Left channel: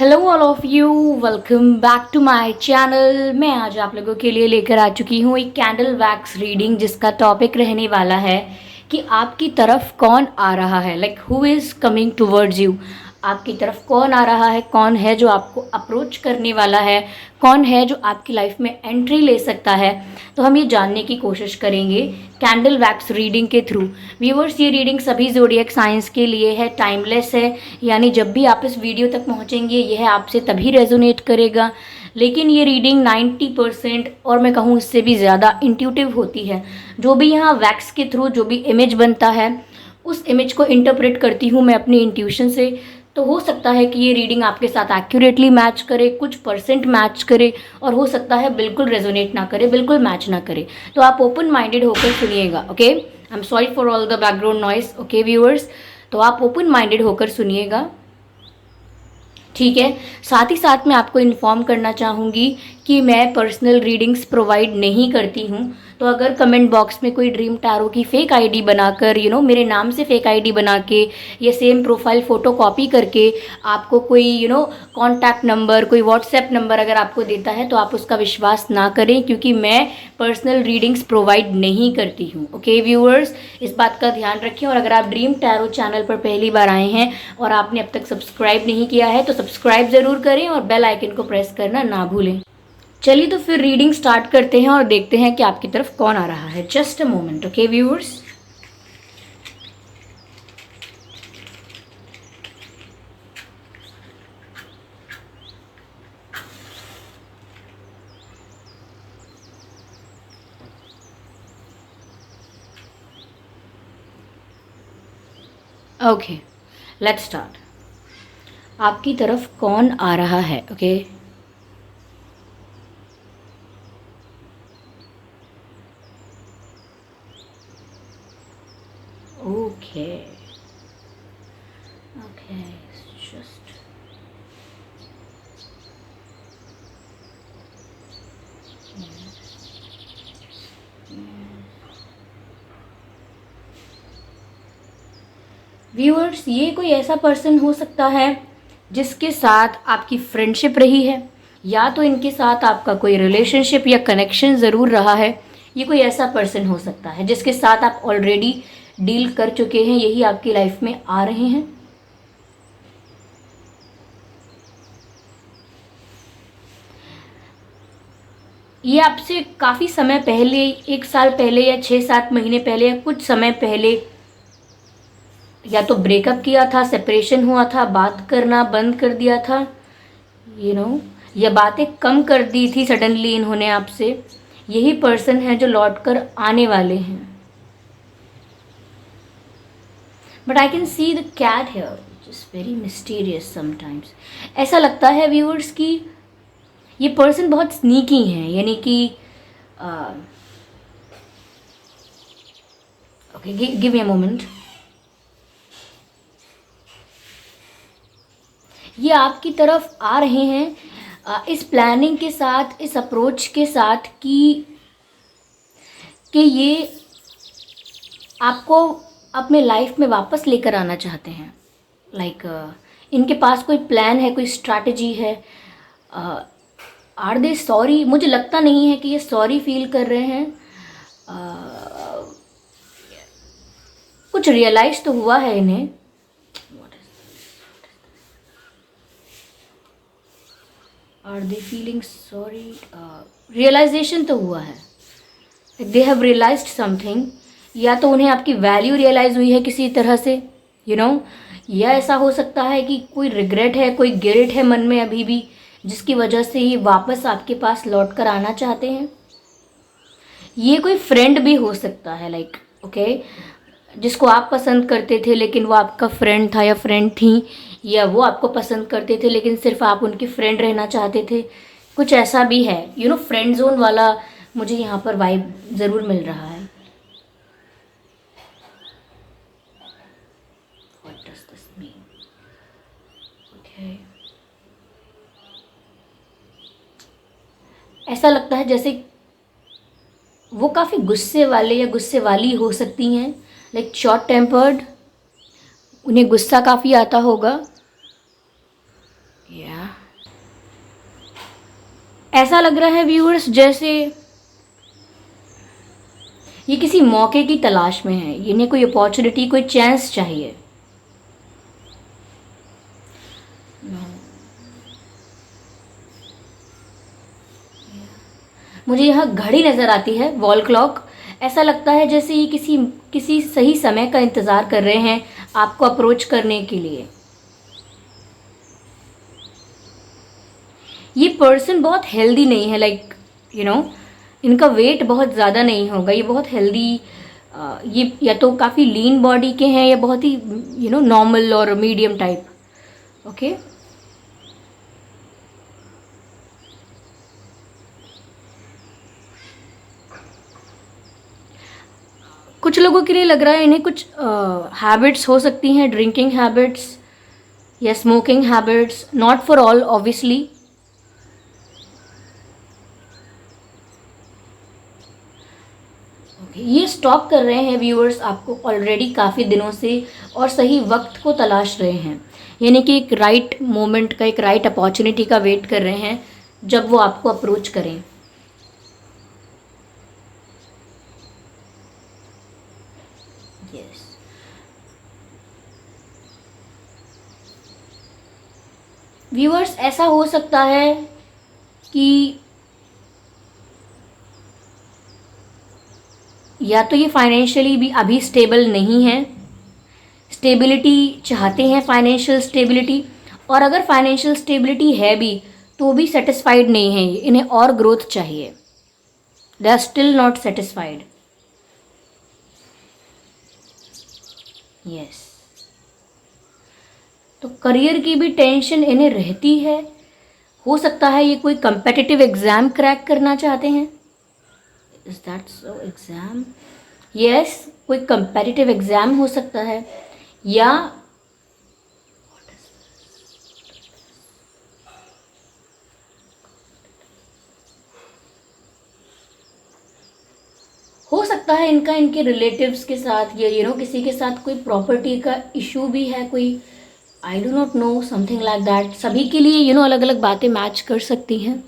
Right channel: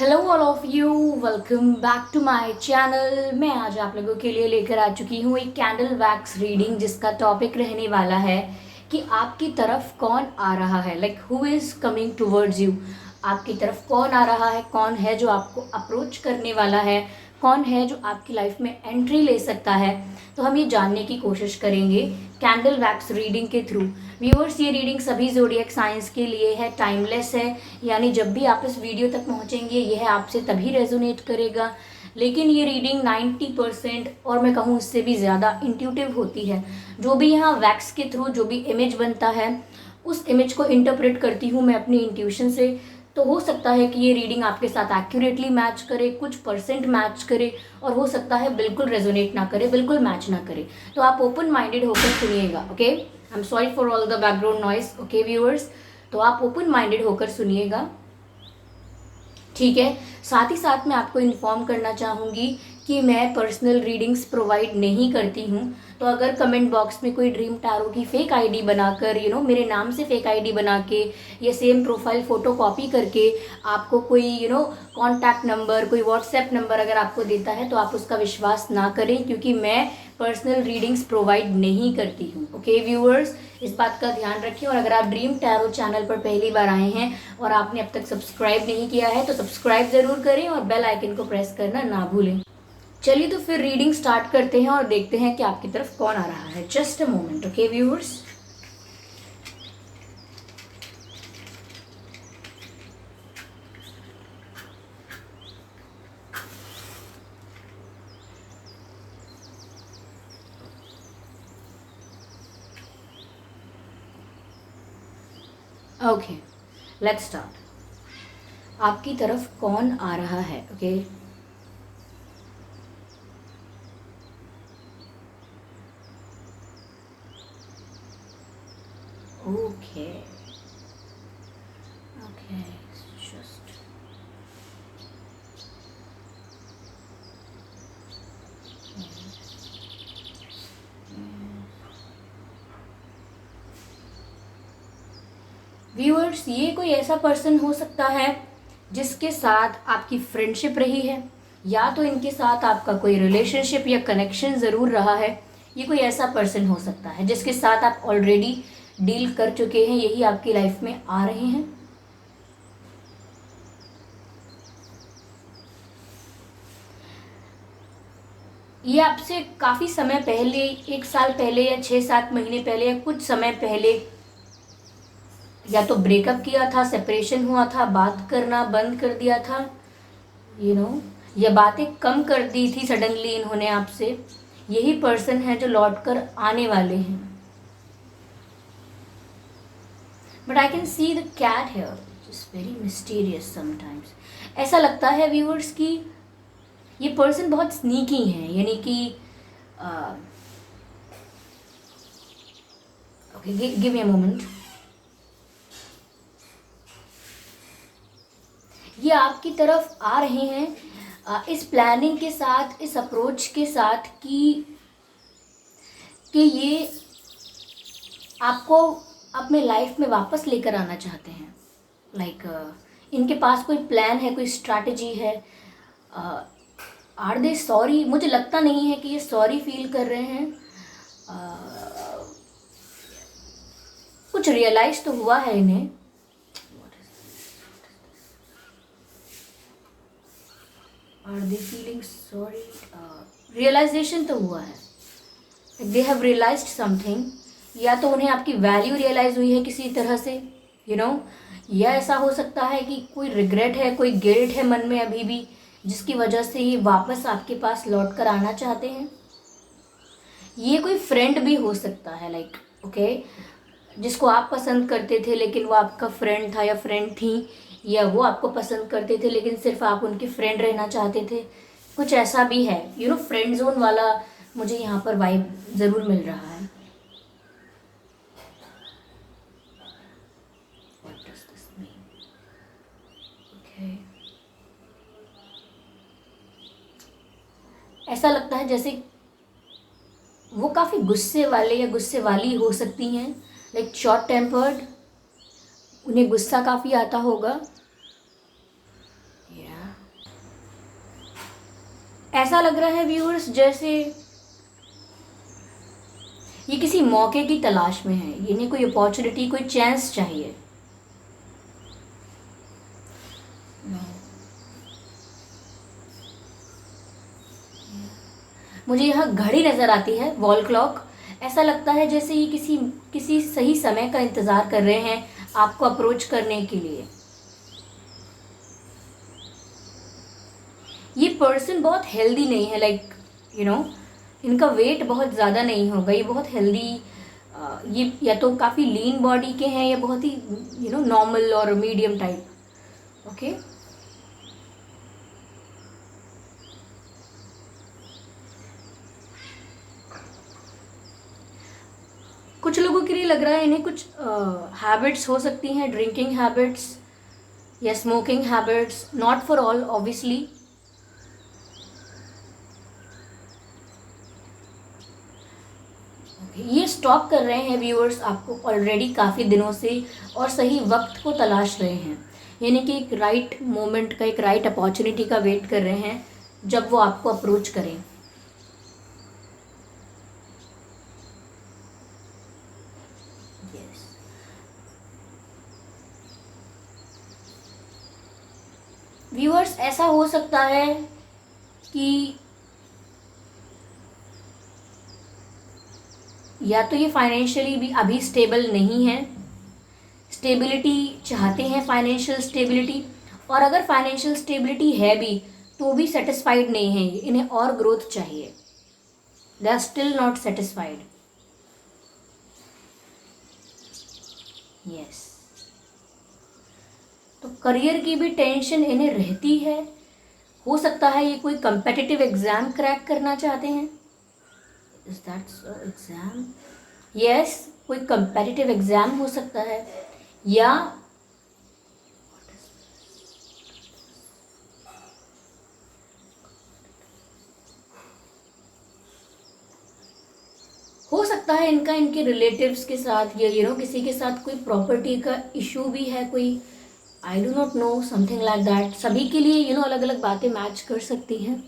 Hello all of you, welcome back to my channel. मैं आज आप लोगों के लिए लेकर आ चुकी हूँ एक कैंडल वैक्स रीडिंग, जिसका टॉपिक रहने वाला है कि आपकी तरफ कौन आ रहा है, like who is coming towards you. आपकी तरफ कौन आ रहा है, कौन है जो आपको अप्रोच करने वाला है, कौन है जो आपकी लाइफ में एंट्री ले सकता है। तो हम ये जानने की कोशिश करेंगे कैंडल वैक्स रीडिंग के थ्रू। व्यूअर्स, ये रीडिंग सभी ज़ोडिएक साइंस के लिए है, टाइमलेस है, यानी जब भी आप इस वीडियो तक पहुंचेंगे यह आपसे तभी रेजोनेट करेगा। लेकिन ये रीडिंग 90% और मैं कहूँ इससे भी ज़्यादा इंट्यूटिव होती है। जो भी यहाँ वैक्स के थ्रू जो भी इमेज बनता है, उस इमेज को इंटरप्रेट करती हूँ मैं अपनी इंट्यूशन से। तो हो सकता है कि ये रीडिंग आपके साथ एक्यूरेटली मैच करे, कुछ परसेंट मैच करे, और हो सकता है बिल्कुल रेजोनेट ना करे, बिल्कुल मैच ना करे। तो आप ओपन माइंडेड होकर सुनिएगा, okay. I am sorry for all the background noise, okay viewers. तो आप ओपन माइंडेड होकर सुनिएगा, ठीक है। साथ ही साथ मैं आपको इन्फॉर्म करना चाहूँगी कि मैं पर्सनल रीडिंग्स प्रोवाइड नहीं करती हूँ। तो अगर कमेंट बॉक्स में कोई ड्रीम टैरो की फेक आईडी बनाकर मेरे नाम से फेक आईडी बना के या सेम प्रोफाइल फ़ोटो कॉपी करके आपको कोई कॉन्टैक्ट नंबर, कोई व्हाट्सएप नंबर अगर आपको देता है, तो आप उसका विश्वास ना करें, क्योंकि मैं पर्सनल रीडिंग्स प्रोवाइड नहीं करती हूँ, ओके व्यूअर्स। इस बात का ध्यान रखें। और अगर आप ड्रीम टैरो चैनल पर पहली बार आए हैं और आपने अब तक सब्सक्राइब नहीं किया है, तो सब्सक्राइब ज़रूर करें और बेल आइकन को प्रेस करना ना भूलें। चलिए तो फिर रीडिंग स्टार्ट करते हैं और देखते हैं कि आपकी तरफ कौन आ रहा है। Just a moment, okay viewers. Okay, let's start. आपकी तरफ कौन आ रहा है, okay. Okay okay, just viewers, ये कोई ऐसा पर्सन हो सकता है जिसके साथ आपकी फ्रेंडशिप रही है, या तो इनके साथ आपका कोई रिलेशनशिप या कनेक्शन ज़रूर रहा है। ये कोई ऐसा पर्सन हो सकता है जिसके साथ आप ऑलरेडी डील कर चुके हैं, यही आपकी लाइफ में आ रहे हैं। ये आपसे काफ़ी समय पहले, 1 साल पहले या 6-7 महीने पहले या कुछ समय पहले या तो ब्रेकअप किया था, सेपरेशन हुआ था, बात करना बंद कर दिया था, या बातें कम कर दी थी सडनली इन्होंने आपसे। यही पर्सन है जो लौट कर आने वाले हैं। But I can see the cat here, which is very mysterious sometimes. ऐसा लगता है व्यूअर्स कि ये पर्सन बहुत स्नीकी है, यानी कि okay, give me a moment. ये आपकी तरफ आ रहे हैं इस प्लानिंग के साथ, इस अप्रोच के साथ कि ये आपको अपने लाइफ में वापस लेकर आना चाहते हैं। लाइक इनके पास कोई प्लान है, कोई स्ट्रैटेजी है। Are they sorry? मुझे लगता नहीं है कि ये सॉरी फील कर रहे हैं। कुछ रियलाइज तो हुआ है इन्हें। Are they feeling sorry? Realisation तो हुआ है, दे हैव रियलाइज्ड समथिंग। या तो उन्हें आपकी वैल्यू रियलाइज हुई है किसी तरह से, या ऐसा हो सकता है कि कोई रिग्रेट है, कोई गिल्ट है मन में अभी भी, जिसकी वजह से ये वापस आपके पास लौट कर आना चाहते हैं। ये कोई फ्रेंड भी हो सकता है, लाइक ओके, जिसको आप पसंद करते थे लेकिन वो आपका फ्रेंड था या फ्रेंड थी, या वो आपको पसंद करते थे लेकिन सिर्फ आप उनके फ्रेंड रहना चाहते थे। कुछ ऐसा भी है, फ्रेंड जोन वाला मुझे यहाँ पर वाइब ज़रूर मिल रहा है। What does this mean? Okay. ऐसा लगता है जैसे वो काफ़ी गुस्से वाले या गुस्से वाली हो सकती हैं, लाइक शॉर्ट टेम्पर्ड, उन्हें गुस्सा काफ़ी आता होगा। या ऐसा लग रहा है व्यूअर्स जैसे ये किसी मौके की तलाश में है, इन्हें कोई अपॉर्चुनिटी, कोई चांस चाहिए। मुझे यहाँ घड़ी नज़र आती है, वॉल क्लॉक। ऐसा लगता है जैसे ये किसी किसी सही समय का इंतज़ार कर रहे हैं आपको अप्रोच करने के लिए। ये पर्सन बहुत हेल्दी नहीं है, लाइक यू नो इनका वेट बहुत ज़्यादा नहीं होगा, ये बहुत हेल्दी, ये या तो काफ़ी लीन बॉडी के हैं या बहुत ही नॉर्मल और मीडियम टाइप। ओके, कुछ लोगों के लिए लग रहा है इन्हें कुछ हैबिट्स हो सकती हैं, ड्रिंकिंग हैबिट्स या smoking habits, not for all obviously. ये स्टॉक कर रहे हैं व्यूअर्स आपको ऑलरेडी काफ़ी दिनों से और सही वक्त को तलाश रहे हैं, यानी कि एक राइट मोमेंट का, एक राइट अपॉर्चुनिटी का वेट कर रहे हैं जब वो आपको अप्रोच करें। यस, व्यूअर्स ऐसा हो सकता है कि या तो ये फाइनेंशियली भी अभी स्टेबल नहीं है, स्टेबिलिटी चाहते हैं, फाइनेंशियल स्टेबिलिटी, और अगर फाइनेंशियल स्टेबिलिटी है भी तो भी सेटिस्फाइड नहीं है, इन्हें और ग्रोथ चाहिए, they are still not satisfied. Yes, तो करियर की भी टेंशन इन्हें रहती है। हो सकता है ये कोई कंपेटिटिव एग्जाम क्रैक करना चाहते हैं। Is that exam? यस, कोई कंपेटिटिव एग्जाम हो सकता है, या हो सकता है इनका इनके रिलेटिव्स के साथ या किसी के साथ कोई प्रॉपर्टी का इशू भी है, कोई I do not know, something like that. सभी के लिए अलग अलग बातें मैच कर सकती हैं।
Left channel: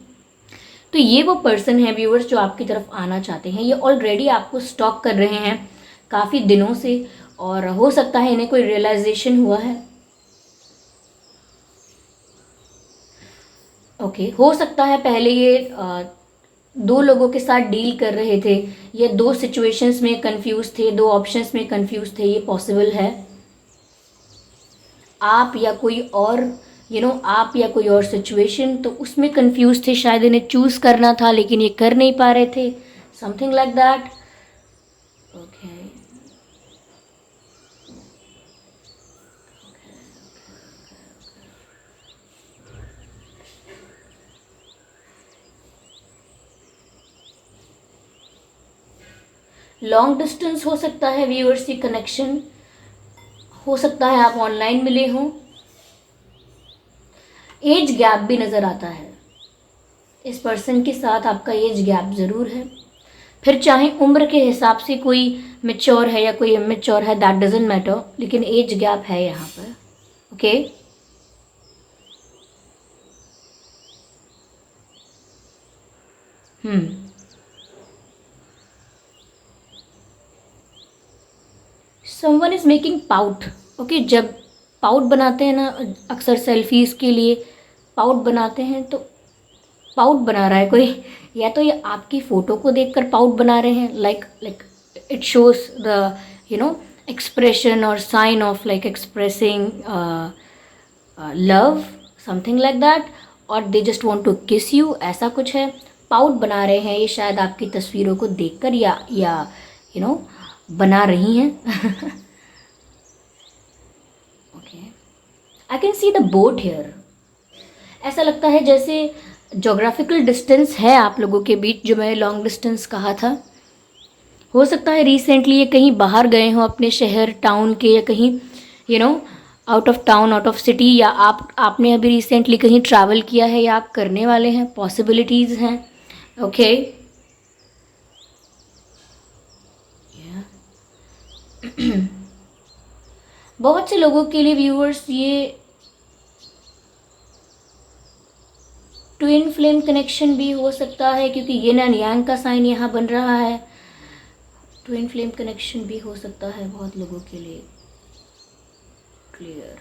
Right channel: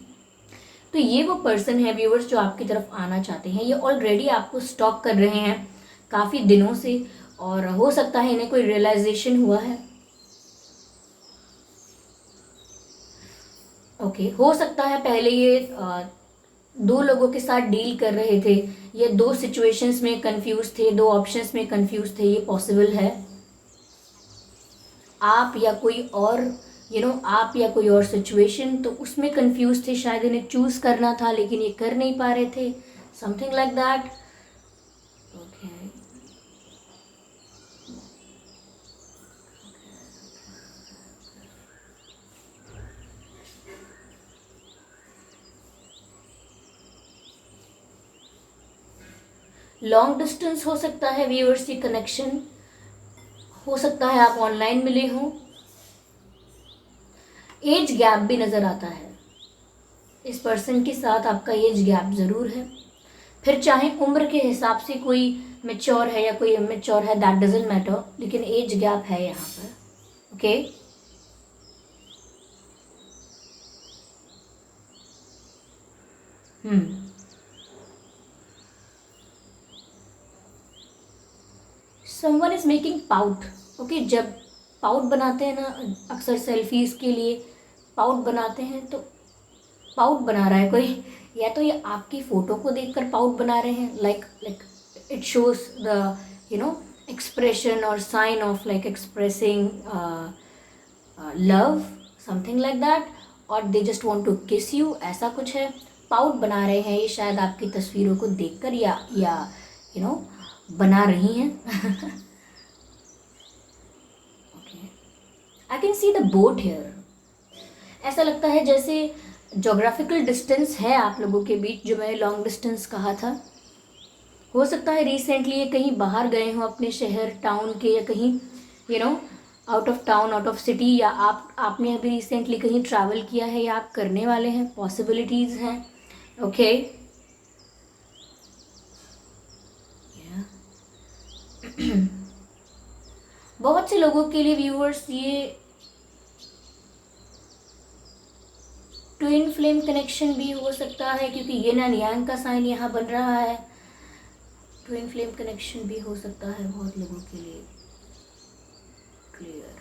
तो ये वो पर्सन है व्यूअर्स जो आपकी तरफ आना चाहते हैं, ये ऑलरेडी आपको स्टॉक कर रहे हैं काफ़ी दिनों से, और हो सकता है इन्हें कोई रियलाइजेशन हुआ है। ओके, हो सकता है पहले ये दो लोगों के साथ डील कर रहे थे या दो सिचुएशंस में कंफ्यूज थे, दो ऑप्शंस में कंफ्यूज थे, ये पॉसिबल है। आप या कोई और आप या कोई और सिचुएशन, तो उसमें कंफ्यूज थे, शायद इन्हें चूज करना था लेकिन ये कर नहीं पा रहे थे, something like that. Okay, long distance हो सकता है व्यूअर्स, ये कनेक्शन हो सकता है आप ऑनलाइन मिले हों। एज गैप भी नज़र आता है, इस पर्सन के साथ आपका एज गैप ज़रूर है, फिर चाहे उम्र के हिसाब से कोई मेच्योर है या कोई इमेच्योर है, दैट डजेंट मैटर, लेकिन एज गैप है यहाँ पर। Okay, someone is making pout. Okay, जब पाउट बनाते हैं ना, अक्सर सेल्फीज के लिए पाउट बनाते हैं, तो पाउट बना रहा है कोई, या तो ये आपकी फ़ोटो को देखकर पाउट बना रहे हैं, like it shows the expression और sign of like expressing love, something like that, और they just want to kiss you, ऐसा कुछ है। पाउट बना रहे हैं ये शायद आपकी तस्वीरों को देखकर, या यू नो बना रही हैं। Okay, I can see the boat here. ऐसा लगता है जैसे जोग्राफिकल डिस्टेंस है आप लोगों के बीच, जो मैंने लॉन्ग डिस्टेंस कहा था। हो सकता है रिसेंटली ये कहीं बाहर गए हों अपने शहर टाउन के, या कहीं out of town, out of city, या आपने अभी रिसेंटली कहीं ट्रैवल किया है या आप करने वाले हैं, पॉसिबिलिटीज़ हैं। ओके, बहुत से लोगों के लिए व्यूअर्स ये ट्विन फ्लेम कनेक्शन भी हो सकता है, क्योंकि येन एंड यांग का साइन यहाँ बन रहा है। ट्विन फ्लेम कनेक्शन भी हो सकता है बहुत लोगों के लिए। क्लियर।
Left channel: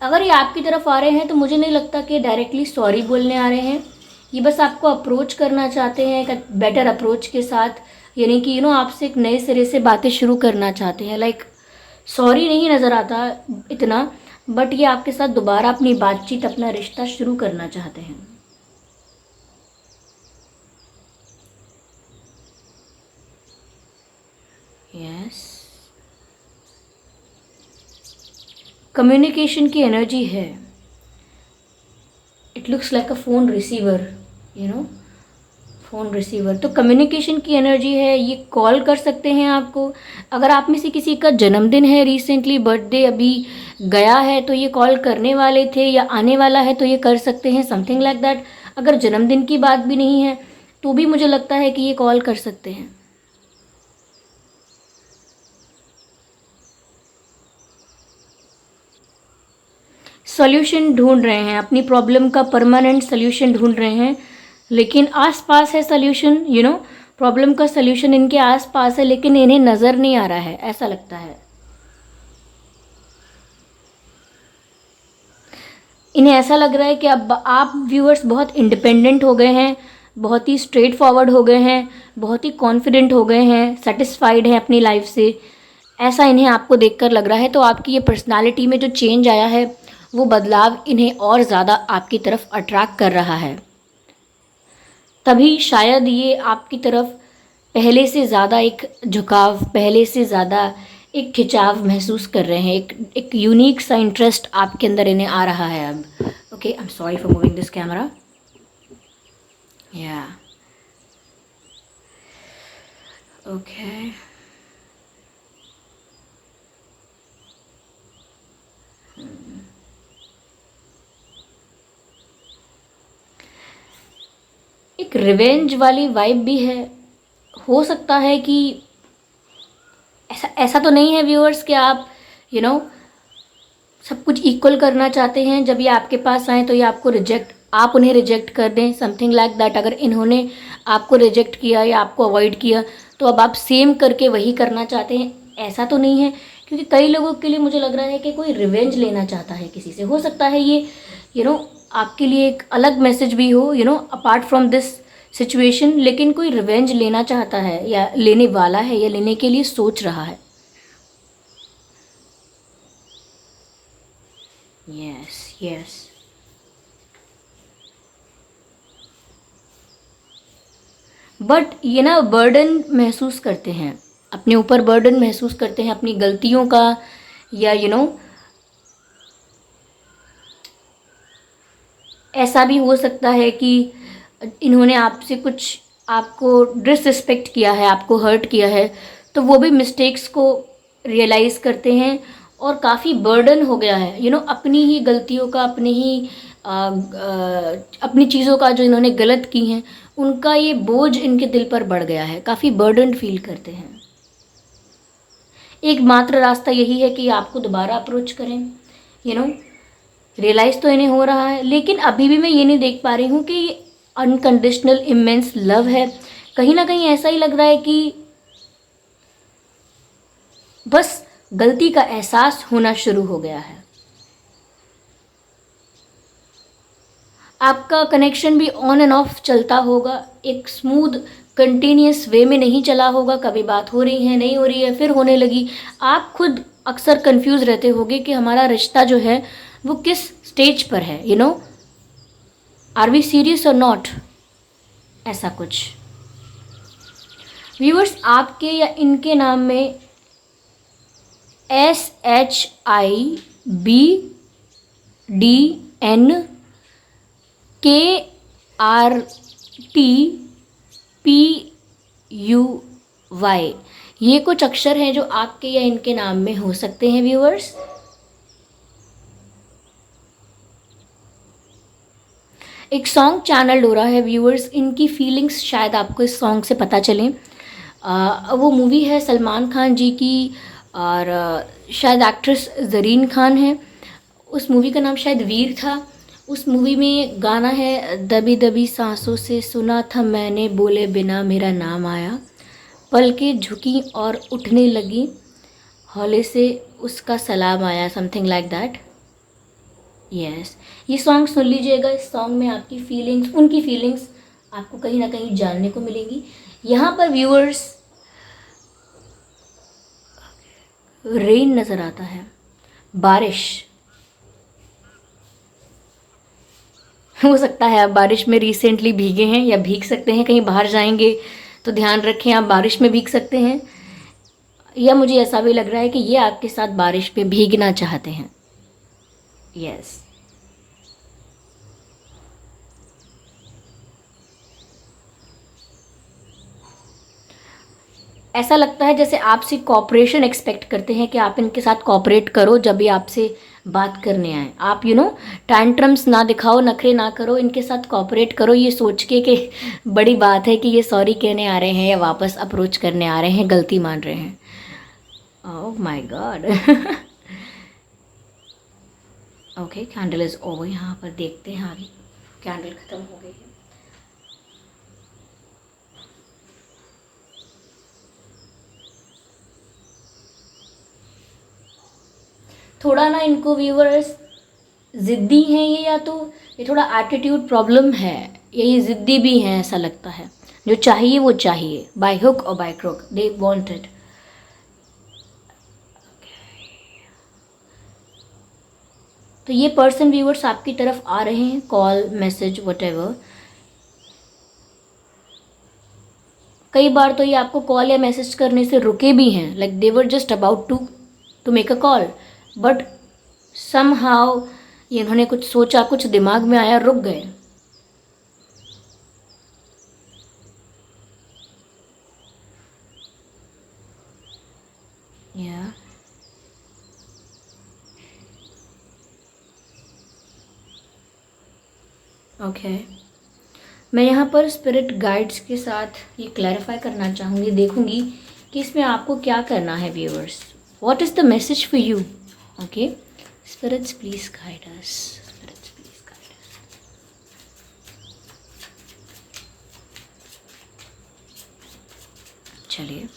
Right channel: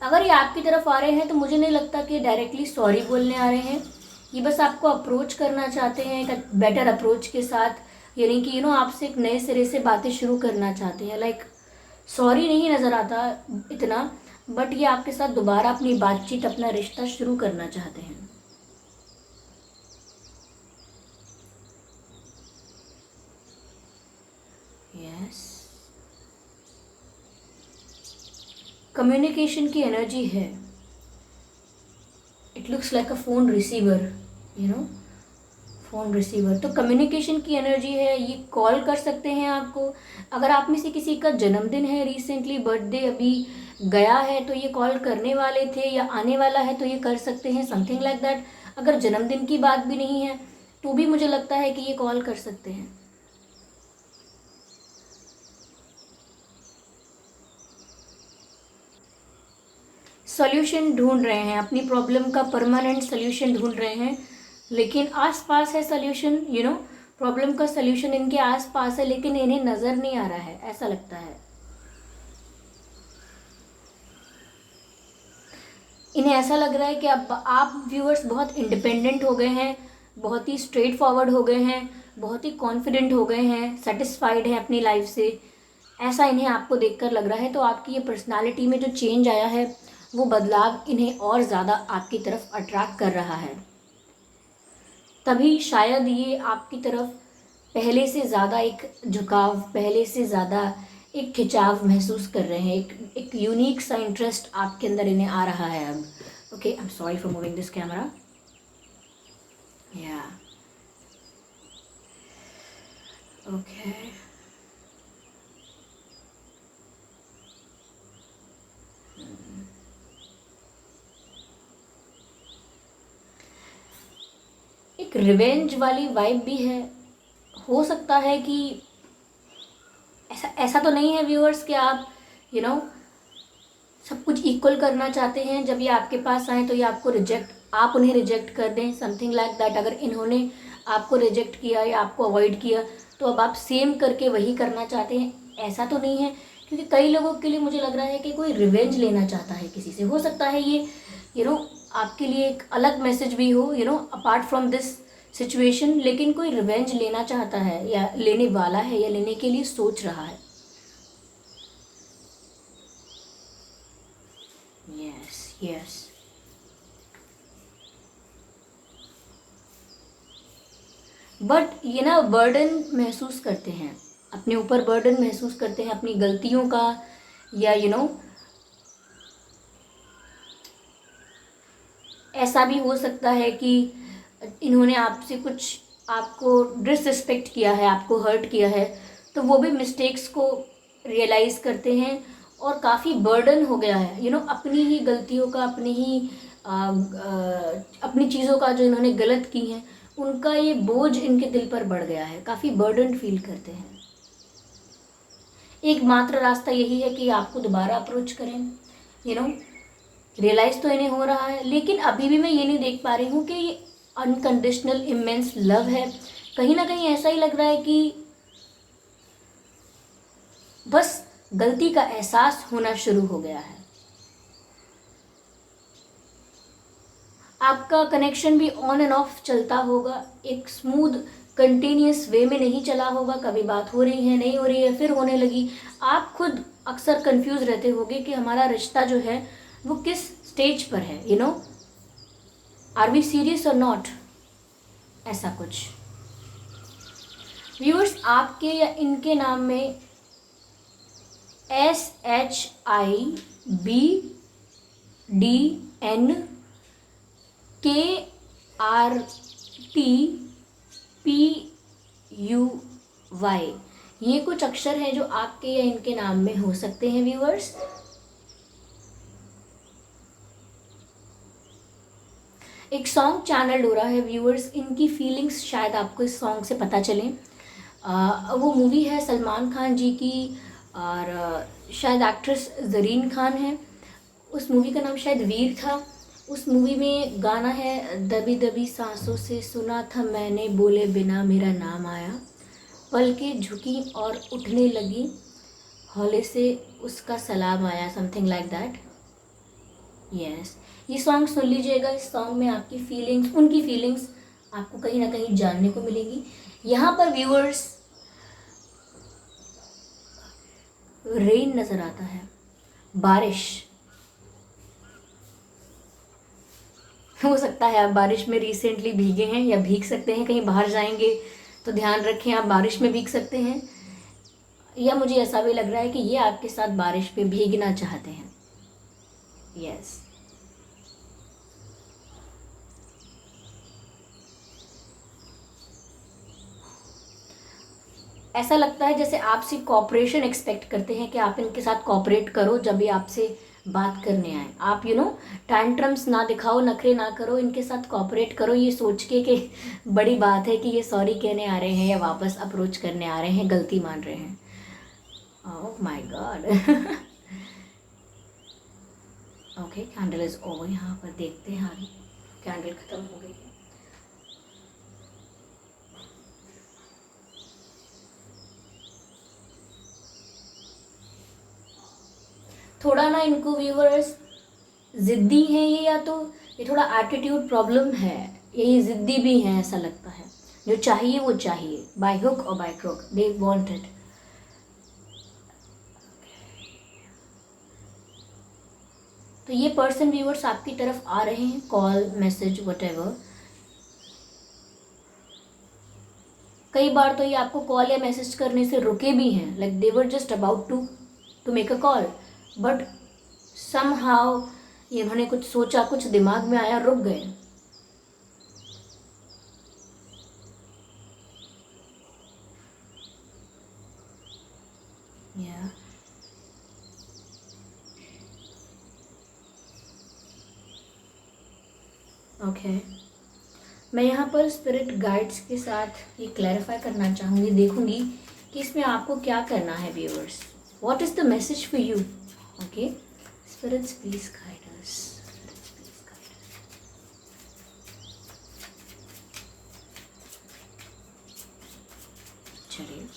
अगर ये आपकी तरफ आ रहे हैं तो मुझे नहीं लगता कि डायरेक्टली सॉरी बोलने आ रहे हैं। ये बस आपको अप्रोच करना चाहते हैं एक बेटर अप्रोच के साथ, यानी कि आपसे एक नए सिरे से बातें शुरू करना चाहते हैं। लाइक सॉरी नहीं नज़र आता इतना, बट ये आपके साथ दोबारा अपनी बातचीत, अपना रिश्ता शुरू करना चाहते हैं। यस, कम्युनिकेशन की एनर्जी है। It looks like a phone receiver, phone receiver. तो कम्युनिकेशन की एनर्जी है, ये कॉल कर सकते हैं आपको। अगर आप में से किसी का जन्मदिन है, रिसेंटली बर्थडे अभी गया है, तो ये कॉल करने वाले थे, या आने वाला है तो ये कर सकते हैं, समथिंग लाइक दैट। अगर जन्मदिन की बात भी नहीं है तो भी मुझे लगता है कि ये कॉल कर सकते हैं। सॉल्यूशन ढूंढ रहे हैं, अपनी प्रॉब्लम का परमानेंट सॉल्यूशन ढूंढ रहे हैं, लेकिन आसपास है सॉल्यूशन। प्रॉब्लम का सॉल्यूशन इनके आसपास है, लेकिन इन्हें नज़र नहीं आ रहा है, ऐसा लगता है। इन्हें ऐसा लग रहा है कि अब आप व्यूअर्स बहुत इंडिपेंडेंट हो गए हैं, बहुत ही स्ट्रेट फॉरवर्ड हो गए हैं, बहुत ही कॉन्फिडेंट हो गए हैं, सेटिस्फाइड हैं अपनी लाइफ से, ऐसा इन्हें आपको देखकर लग रहा है। तो आपकी ये पर्सनालिटी में जो चेंज आया है, वो बदलाव इन्हें और ज़्यादा आपकी तरफ अट्रैक्ट कर रहा है। तभी शायद ये आपकी तरफ पहले से ज़्यादा एक झुकाव, पहले से ज़्यादा एक खिंचाव महसूस कर रहे हैं। एक यूनिक सा इंटरेस्ट आपके अंदर इन्हें आ रहा है अब। Okay, I am sorry for moving this camera. या ओके, एक रिवेंज वाली वाइब भी है। हो सकता है कि ऐसा ऐसा तो नहीं है व्यूअर्स कि आप सब कुछ इक्वल करना चाहते हैं। जब ये आपके पास आए तो ये आप उन्हें रिजेक्ट कर दें, समथिंग लाइक दैट। अगर इन्होंने आपको रिजेक्ट किया या आपको अवॉइड किया, तो अब आप सेम करके वही करना चाहते हैं, ऐसा तो नहीं है। क्योंकि कई लोगों के लिए मुझे लग रहा है कि कोई रिवेंज लेना चाहता है किसी से। हो सकता है ये आपके लिए एक अलग मैसेज भी हो, अपार्ट फ्रॉम दिस सिचुएशन, लेकिन कोई रिवेंज लेना चाहता है, या लेने वाला है, या लेने के लिए सोच रहा है। यस यस, बट ये बर्डन महसूस करते हैं, अपने ऊपर बर्डन महसूस करते हैं अपनी गलतियों का, या ऐसा भी हो सकता है कि इन्होंने आपसे कुछ, आपको डिसरिस्पेक्ट किया है, आपको हर्ट किया है, तो वो भी मिस्टेक्स को रियलाइज़ करते हैं, और काफ़ी बर्डन हो गया है अपनी ही गलतियों का, अपनी चीज़ों का, जो इन्होंने गलत की हैं उनका ये बोझ इनके दिल पर बढ़ गया है, काफ़ी बर्डन फील करते हैं। एकमात्र रास्ता यही है कि आपको दोबारा अप्रोच करें। रियलाइज़ तो इन्हें हो रहा है, लेकिन अभी भी मैं ये नहीं देख पा रही हूँ कि ये अनकंडीशनल इमेंस लव है। कहीं ना कहीं ऐसा ही लग रहा है कि बस गलती का एहसास होना शुरू हो गया है। आपका कनेक्शन भी ऑन एंड ऑफ चलता होगा, एक स्मूथ कंटिन्यूस वे में नहीं चला होगा। कभी बात हो रही है, नहीं हो रही है, फिर होने लगी। आप खुद अक्सर कंफ्यूज रहते होगे कि हमारा रिश्ता जो है वो किस स्टेज पर है, आर वी सीरियस और नॉट, ऐसा कुछ। व्यूअर्स, आपके या इनके नाम में SHIBDNKRTPUY, ये कुछ अक्षर हैं जो आपके या इनके नाम में हो सकते हैं व्यूअर्स। एक सॉन्ग चैनल हो रहा है व्यूअर्स, इनकी फीलिंग्स शायद आपको इस सॉन्ग से पता चलें। वो मूवी है सलमान खान जी की और शायद एक्ट्रेस जरीन खान है। उस मूवी का नाम शायद वीर था। उस मूवी में गाना है, दबी दबी सांसों से सुना था मैंने, बोले बिना मेरा नाम आया, पलकें झुकी और उठने लगी, हौले से उसका सलाम आया, समथिंग लाइक दैट। यस, ये सॉन्ग सुन लीजिएगा। इस सॉन्ग में आपकी फीलिंग्स, उनकी फीलिंग्स आपको कहीं ना कहीं जानने को मिलेगी। यहाँ पर व्यूअर्स रेन नज़र आता है, बारिश। हो सकता है आप बारिश में रिसेंटली भीगे हैं या भीग सकते हैं, कहीं बाहर जाएंगे तो ध्यान रखें आप बारिश में भीग सकते हैं। या मुझे ऐसा भी लग रहा है कि ये आपके साथ बारिश में भीगना चाहते हैं। यस, ऐसा लगता है जैसे आपसे कॉपरेशन एक्सपेक्ट करते हैं कि आप इनके साथ कॉपरेट करो जब भी आपसे बात करने आए। आप टैंट्रम्स ना दिखाओ, नखरे ना करो, इनके साथ कॉपरेट करो, ये सोच के कि बड़ी बात है कि ये सॉरी कहने आ रहे हैं या वापस अप्रोच करने आ रहे हैं, गलती मान रहे हैं। Oh my God. Okay, candle is over. यहाँ पर देखते हैं आगे। कैंडल ख़त्म हो गई है। थोड़ा ना इनको व्यूवर्स ज़िद्दी हैं ये, या तो ये थोड़ा एटीट्यूड प्रॉब्लम है, या ये ज़िद्दी भी हैं, ऐसा लगता है। जो चाहिए वो चाहिए, बाय हुक और by crook they want it. तो ये पर्सन व्यूवर्स आपकी तरफ आ रहे हैं, कॉल, मैसेज, वटेवर। कई बार तो ये आपको कॉल या मैसेज करने से रुके भी हैं, like they were just about to make a call, but somehow इन्होंने कुछ सोचा, कुछ दिमाग में आया, रुक गए। या ओके, मैं यहाँ पर स्पिरिट गाइड्स के साथ ये क्लैरिफाई करना चाहूँगी, देखूँगी कि इसमें आपको क्या करना है viewers. What is the message for you? Okay, spirits please guide us, spirits please guide us. चलिए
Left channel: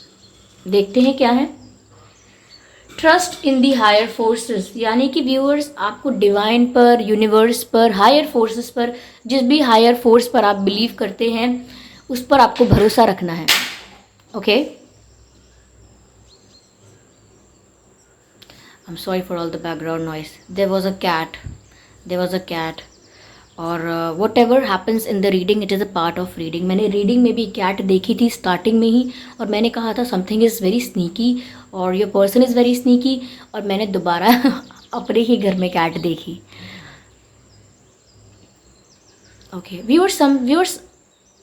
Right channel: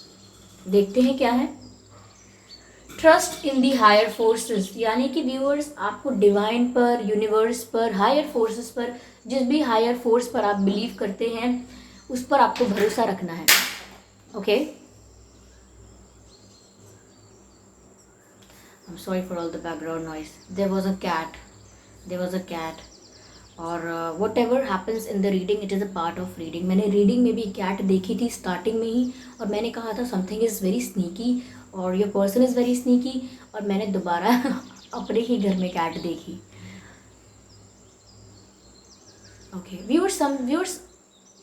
देखते हैं क्या है। Trust in the higher forces, यानी कि व्यूअर्स आपको डिवाइन पर, यूनिवर्स पर, हायर फोर्सेस पर, जिस भी हायर फोर्स पर आप बिलीव करते हैं उस पर आपको भरोसा रखना है। Okay, I am sorry for all the background noise. There was a cat, there was a cat. और whatever happens in the reading, it is a part of reading. मैंने रीडिंग में भी कैट देखी थी starting में ही, और मैंने कहा था समथिंग इज़ वेरी स्नीकी और your person is very sneaky, और मैंने दोबारा अपने ही घर में कैट देखी। Okay viewers,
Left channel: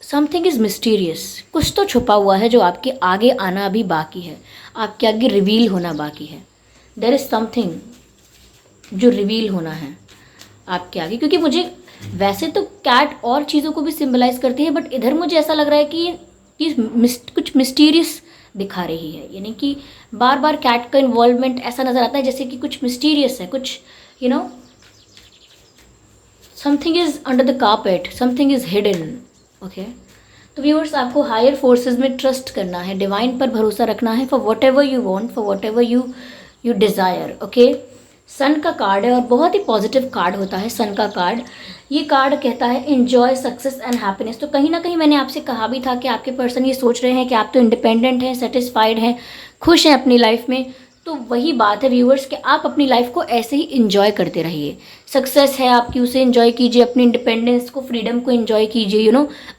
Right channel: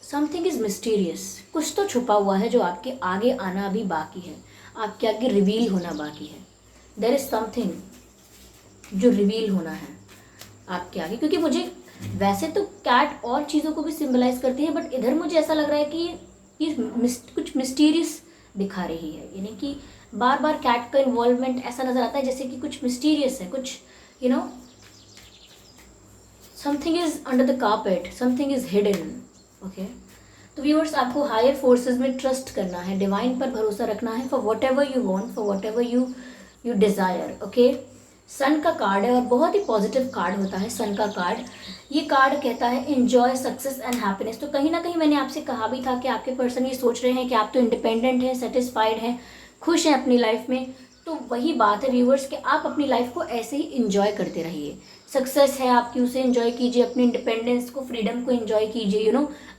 something is mysterious, कुछ तो छुपा हुआ है जो आपके आगे आना अभी बाकी है, आपके आगे रिवील होना बाकी है। देयर इज़ समथिंग जो रिवील होना है आपके आगे, क्योंकि मुझे वैसे तो कैट और चीज़ों को भी सिंबलाइज करती है, बट इधर मुझे ऐसा लग रहा है कि कुछ मिस्टीरियस दिखा रही है, यानी कि बार बार कैट का इन्वॉल्वमेंट ऐसा नज़र आता है जैसे कि कुछ मिस्टीरियस है, कुछ something is under the carpet, something is hidden. Okay, तो व्यूअर्स आपको हायर फोर्सेस में ट्रस्ट करना है, डिवाइन पर भरोसा रखना है, for whatever you want, for whatever you desire. Okay, sun का कार्ड है और बहुत ही पॉजिटिव कार्ड होता है सन का कार्ड। ये कार्ड कहता है एंजॉय सक्सेस एंड हैप्पीनेस। तो कहीं ना कहीं मैंने आपसे कहा भी था कि आपके पर्सन ये सोच रहे हैं कि आप तो इंडिपेंडेंट हैं, सेटिस्फाइड हैं, खुश हैं अपनी लाइफ में। तो वही बात है व्यूअर्स कि आप अपनी लाइफ को ऐसे ही इंजॉय करते रहिए। सक्सेस है आपकी, उसे इंजॉय कीजिए, अपनी इंडिपेंडेंस को, फ्रीडम को इंजॉय कीजिए,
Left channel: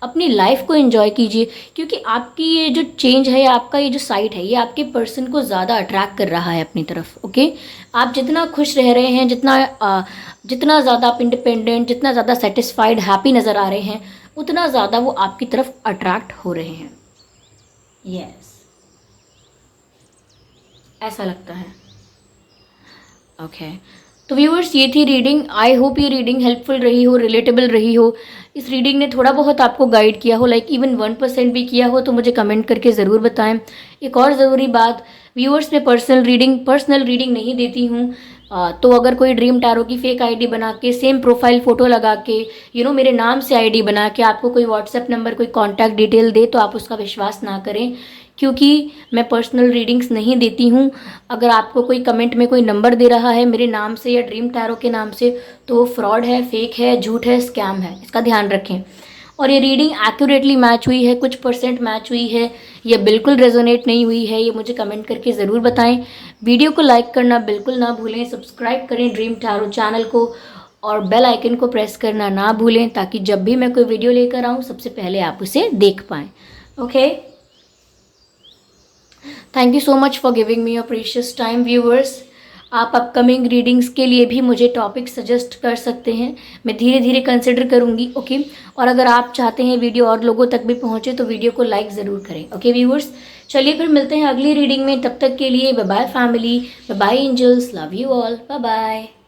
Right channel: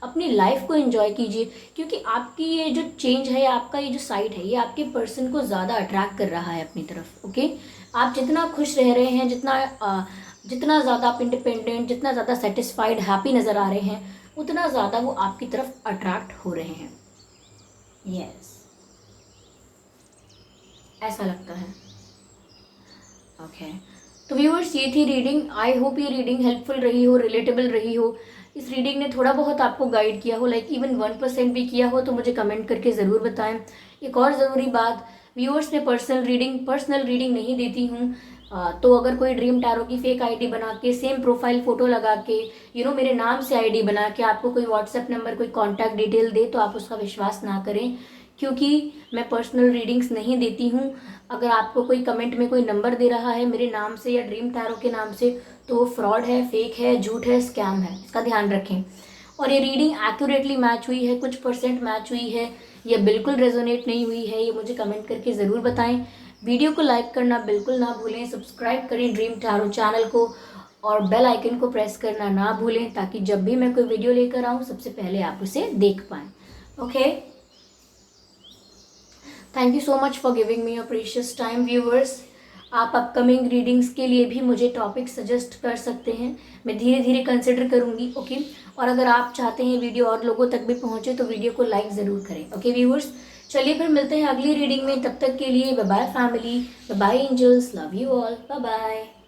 अपनी लाइफ को इंजॉय कीजिए, क्योंकि आपकी ये जो चेंज है या आपका ये जो साइट है, ये आपके पर्सन को ज़्यादा अट्रैक्ट कर रहा है अपनी तरफ। ओके, आप जितना खुश रह रहे हैं, जितना ज़्यादा आप इंडिपेंडेंट, जितना ज़्यादा सेटिस्फाइड, हैप्पी नज़र आ रहे हैं, उतना ज़्यादा वो आपकी तरफ अट्रैक्ट हो रहे हैं। यस, ऐसा लगता है। ओके, तो व्यूअर्स, ये थी रीडिंग। आई होप ये रीडिंग हेल्पफुल रही हो, रिलेटेबल रही हो। इस रीडिंग ने थोड़ा बहुत आपको गाइड किया हो, लाइक इवन 1% भी किया हो, तो मुझे कमेंट करके ज़रूर बताएं। एक और ज़रूरी बात, व्यूअर्स, मैं पर्सनल रीडिंग नहीं देती हूँ। तो अगर कोई ड्रीम टैरो की फेक आईडी बना के, सेम प्रोफाइल फ़ोटो लगा के, मेरे नाम से आईडी बना के आपको कोई व्हाट्सएप नंबर, कोई कॉन्टैक्ट डिटेल दे, तो आप उसका विश्वास ना करें, क्योंकि मैं पर्सनल रीडिंग्स नहीं देती हूँ। अगर आपको कोई कमेंट में कोई नंबर दे रहा है मेरे नाम से या ड्रीम टैरो के नाम से, तो वो फ्रॉड है, फेक है, झूठ है, स्कैम है, इसका ध्यान रखें। और ये रीडिंग एक्यूरेटली मैच हुई है, कुछ परसेंट मैच हुई है, या बिल्कुल रेजोनेट नहीं हुई है, ये मुझे कमेंट करके ज़रूर बताएं। वीडियो को लाइक करना बिल्कुल ना भूलें, सब्सक्राइब करें ड्रीम टैरो चैनल को, और बेल आइकन को प्रेस करना ना भूलें, ताकि जब भी मैं कोई वीडियो लेकर आऊँ सबसे पहले आप उसे देख पाएँ। Okay, thank you so much for giving me your precious time viewers. आप अपकमिंग रीडिंग्स के लिए भी मुझे टॉपिक सजेस्ट कर सकते हैं, मैं धीरे धीरे कंसिडर करूंगी। ओके, और अगर आप चाहते हैं वीडियो और लोगों तक भी पहुंचे, तो वीडियो को लाइक ज़रूर करें। ओके व्यूअर्स, चलिए फिर मिलते हैं अगली रीडिंग में। तब तक के लिए bye bye family, bye bye angels, love you all, bye bye.